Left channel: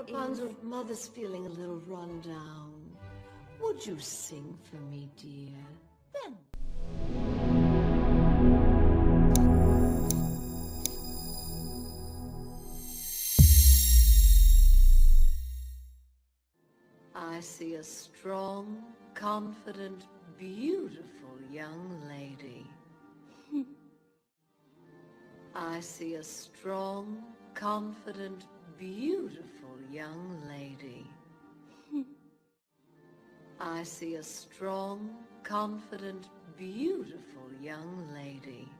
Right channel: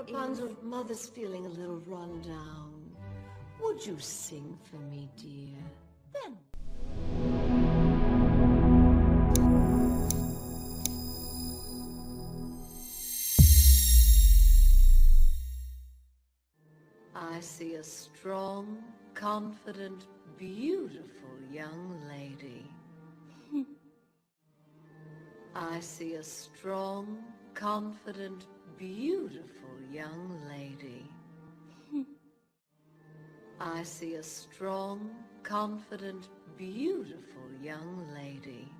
Rapunzel, Mother's feeling a little run down. Would you sing for me, dear? Then. I see a strong, confident, beautiful young lady. I see a strong, confident, beautiful young lady. I see a strong, confident, beautiful young lady.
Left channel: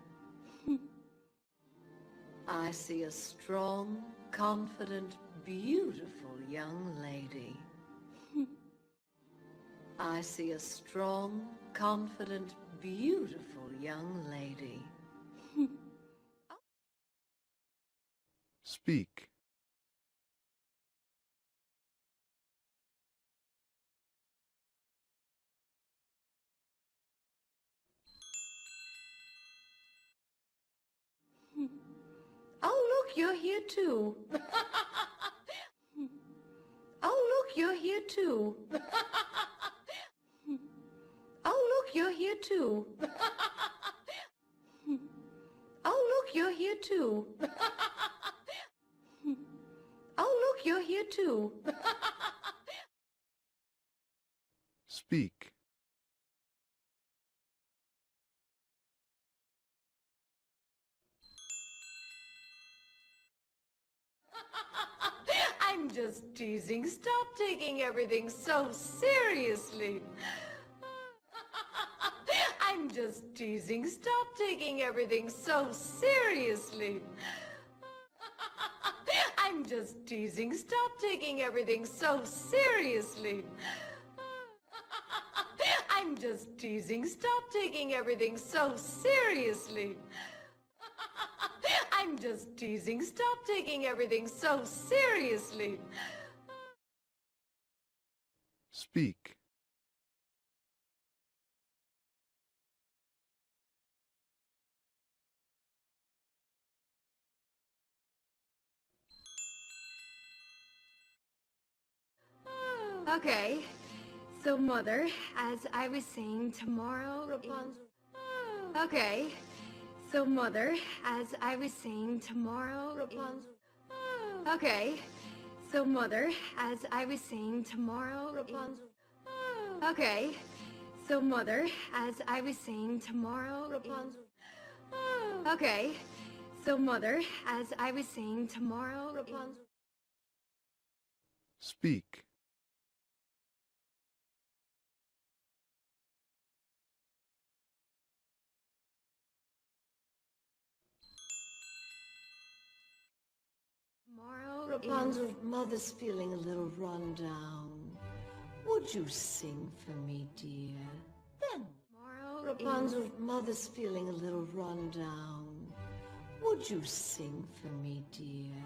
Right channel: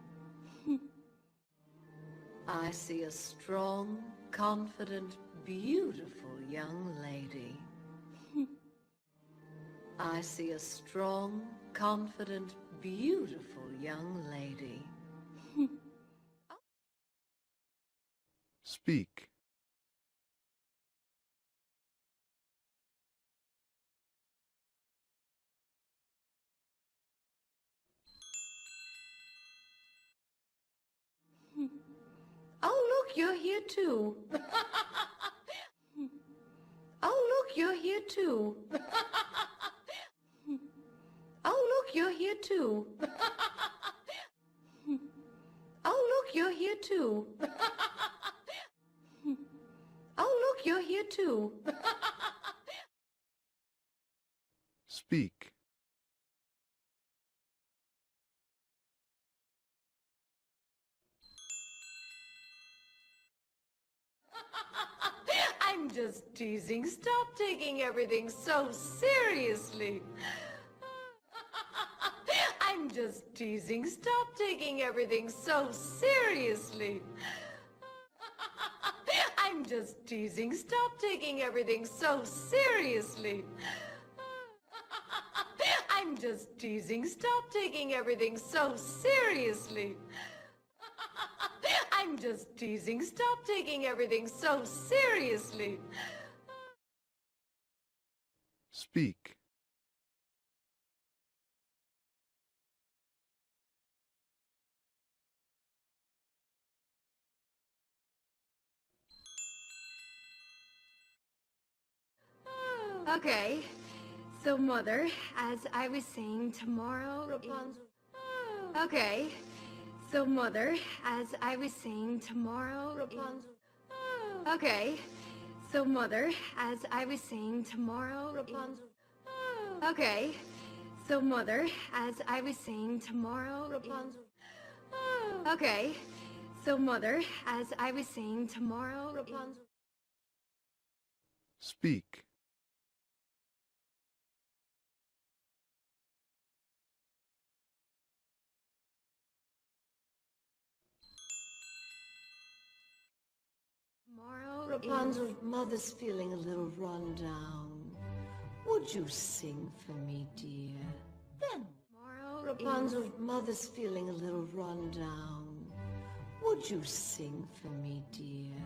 I see a strong, confident, beautiful young lady. I see a strong, confident, beautiful young lady. Speak. Oh, look, you're here too. Oh, look, you're here too. Oh, look, you're here too. Oh, look, you're here too. Oh, look, you're here too. Speak. I'm just teasing. Stop taking everything so seriously. I'm just teasing. Stop taking everything so seriously. I'm just teasing. Stop taking everything so seriously. I'm just teasing. Stop taking everything so seriously. I'm just teasing. Stop taking everything so seriously. Speak. Okay. So, Mother, as I was saying, tomorrow, Rapunzel... Okay. So, Mother, as I was saying, tomorrow, Rapunzel... Okay. So, Mother, as I was saying, tomorrow, Rapunzel... Okay. So, Mother, as I was saying, tomorrow, Rapunzel... Okay. So, Mother, as I was saying, tomorrow, Rapunzel... Speak. Tomorrow, Rapunzel, Mother's feeling a little run down. Would you sing for me, dear? Then. Tomorrow, Rapunzel, Mother's feeling a little run down. Would you sing for me, dear?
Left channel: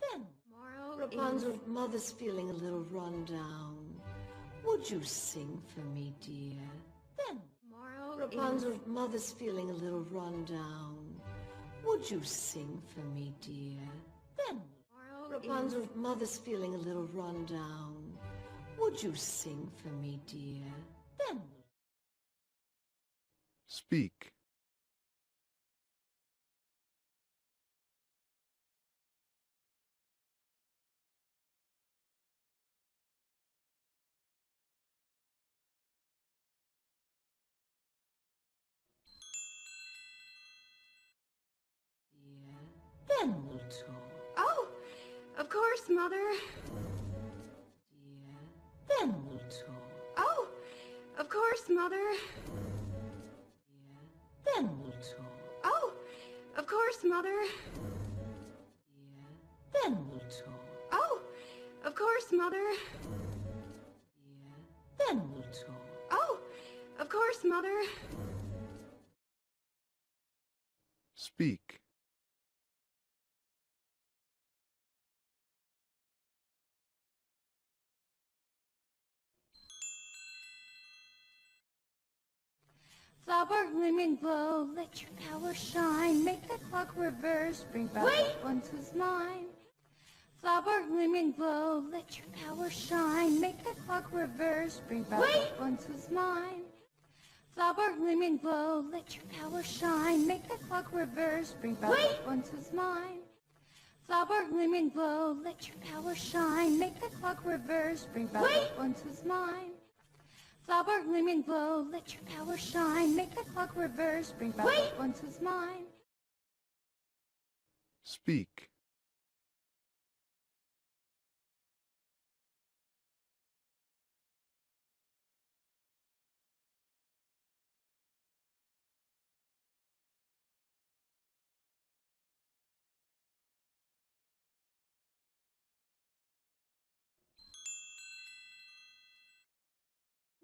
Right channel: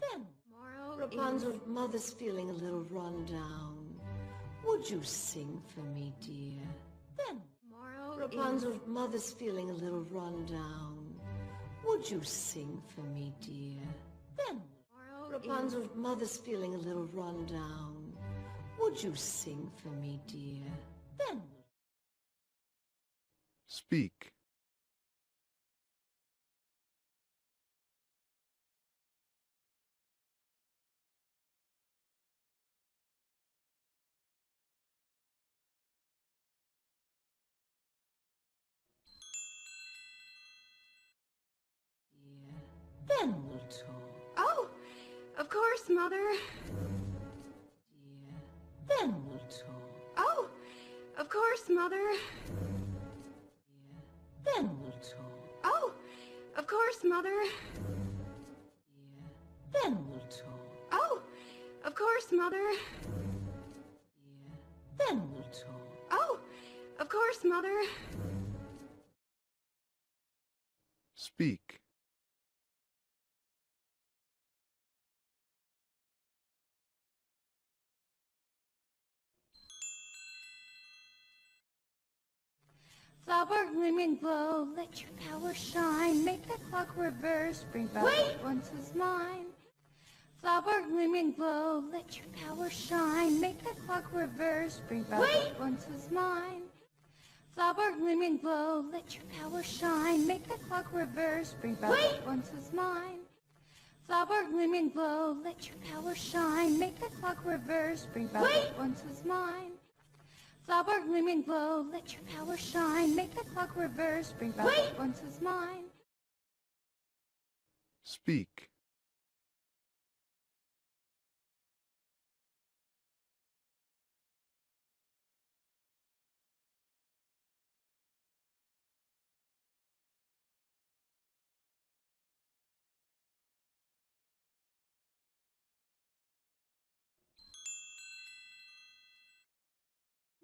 Then. Tomorrow, Rapunzel, Mother's feeling a little run down. Would you sing for me, dear? Then. Tomorrow, Rapunzel, Mother's feeling a little run down. Would you sing for me, dear? Then. Tomorrow, Rapunzel, Mother's feeling a little run down. Would you sing for me, dear? Then. Speak. Then we'll talk. Oh, of course, Mother. Dear, then we'll talk. Oh, of course, Mother. Dear, then we'll talk. Oh, of course, Mother. Dear, then we'll talk. Oh, of course, Mother. Dear, then we'll talk. Oh, of course, Mother. Speak. Sparkling rainbow, let your power shine. Make the clock reverse, bring back what once was mine. Sparkling rainbow, let reverse, bring back what once was mine. Flower, lemon glow, let your power shine. Make the clock reverse, bring back what once was mine. Flower, lemon glow, let your power shine. Make the clock reverse, bring back what once was mine. Flower, lemon glow, let your power shine. Make the clock reverse, bring back what once was mine. Speak.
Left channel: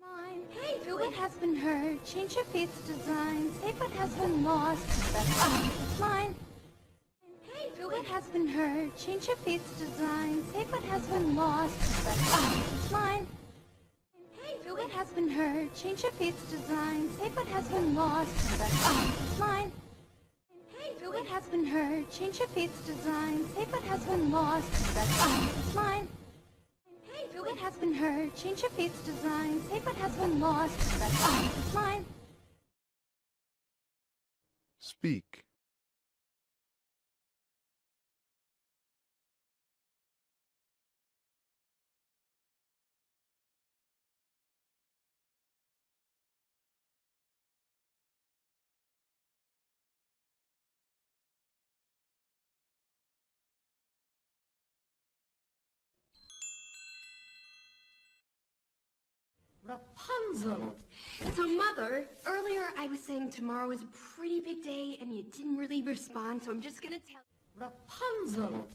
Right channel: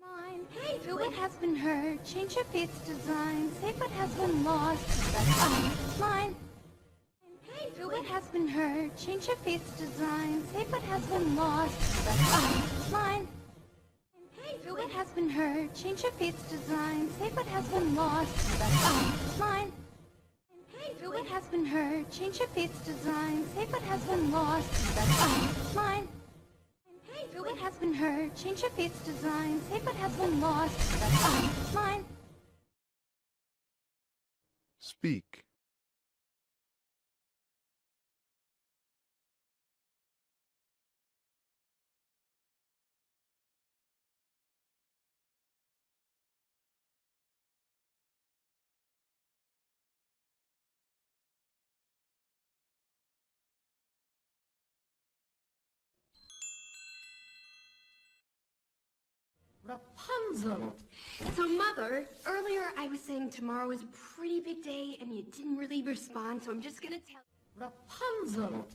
Mine. Feel what has been heard, change your fate's design, save what has been lost. Mine. Feel what has been heard, change your fate's design, save what has been lost. Mine. Feel what has been heard, change your fate's design, save what has been lost. Mine. Feel what has been heard, change your fate's design, save what has been lost. Mine. Feel what has been heard, change your fate's design, save what has been lost. Mine. Speak. Rapunzel. So, Mother, earlier I was saying tomorrow is a pretty big day and you didn't really respond, so I'm just gonna tell. Rapunzel.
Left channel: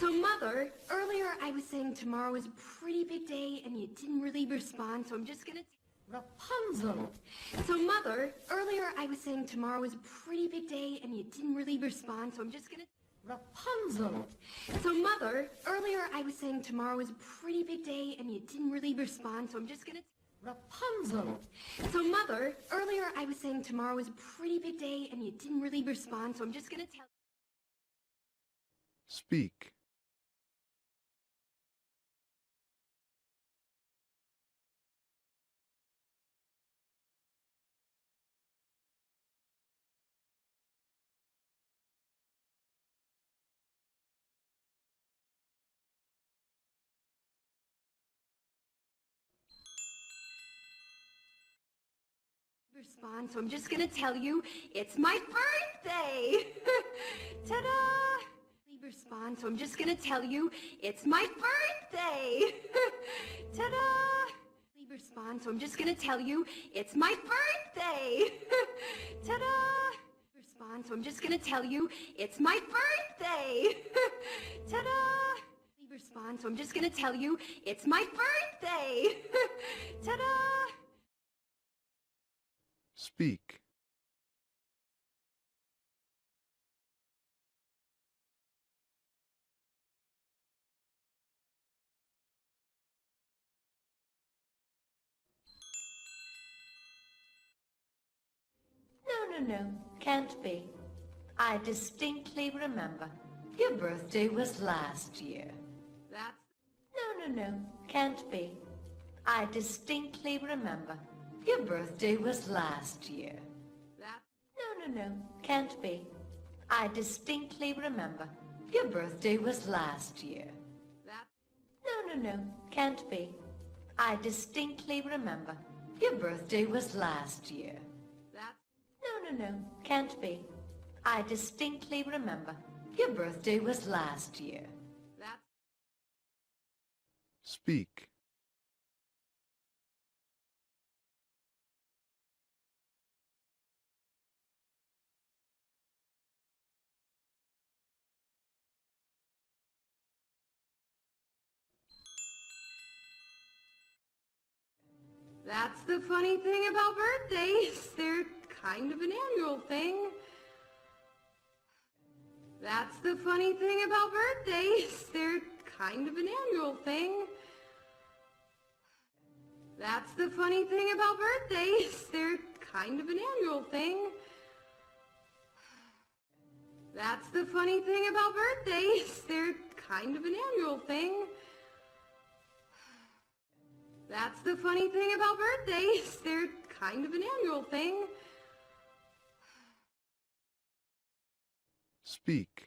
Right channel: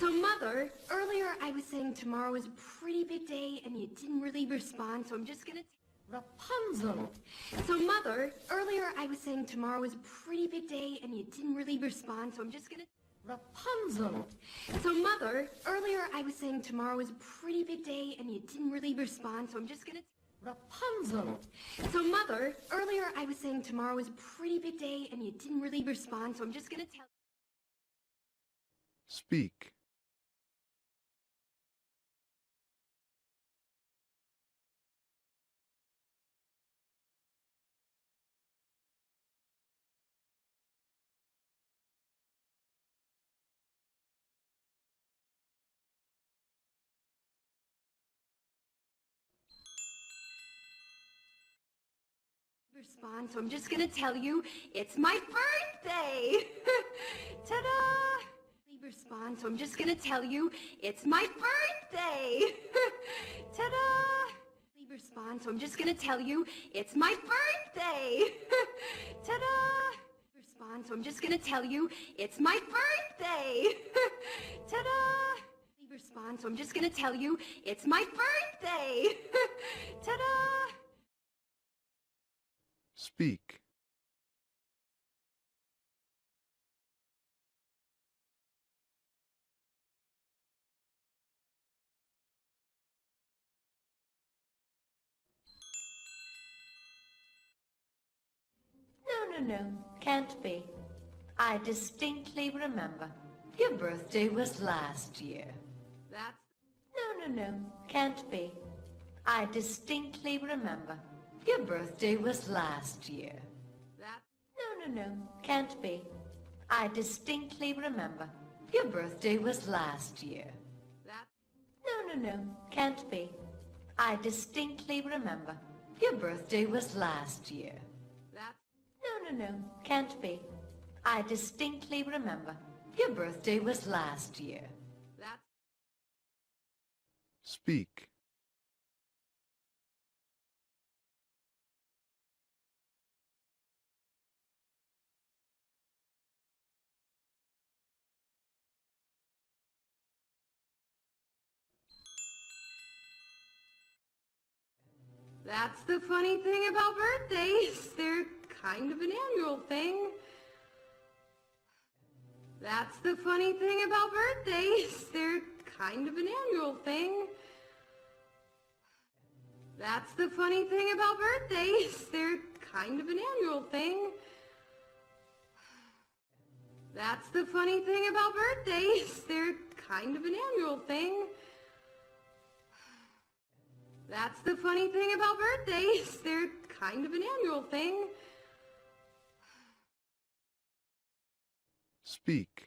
So, Mother, earlier I was saying tomorrow is a pretty big day and you didn't really respond, so I'm just gonna. Rapunzel. So, Mother, earlier I was saying tomorrow is a pretty big day and you didn't really respond, so I'm just gonna. Rapunzel. So, Mother, earlier I was saying tomorrow is a pretty big day and you didn't really respond, so I'm just gonna. Rapunzel. So, Mother, earlier I was saying tomorrow is a pretty big day and you didn't really respond, so I'm just gonna tell. Speak. Respond, so I'm just gonna tell you it's my birthday. Ta-da! Respond, so I'm just gonna tell you it's my birthday. Ta-da! Respond, so I'm just gonna tell you it's my birthday. Ta-da! Respond, so I'm just gonna tell you it's my birthday. Ta-da! Respond, so I'm just gonna tell you it's my birthday. Ta-da! Speak. No, can't be. I distinctly remember. Your birthday was last year. That's No, can't be. I distinctly remember. Your birthday was last year. that. No, can't be. I distinctly remember. Your birthday was last year. That. No, can't be. I distinctly remember. Your birthday was last year. That. No, can't be. I distinctly remember. Your birthday was last year. That. Speak. That's the funny thing about birthdays. They're kind of an annual thing. That's the funny thing about birthdays. They're kind of an annual thing. That's the funny thing about birthdays. They're kind of an annual thing. That's the funny thing about birthdays. They're kind of an annual thing. That's the funny thing about birthdays. They're kind of an annual thing. Speak.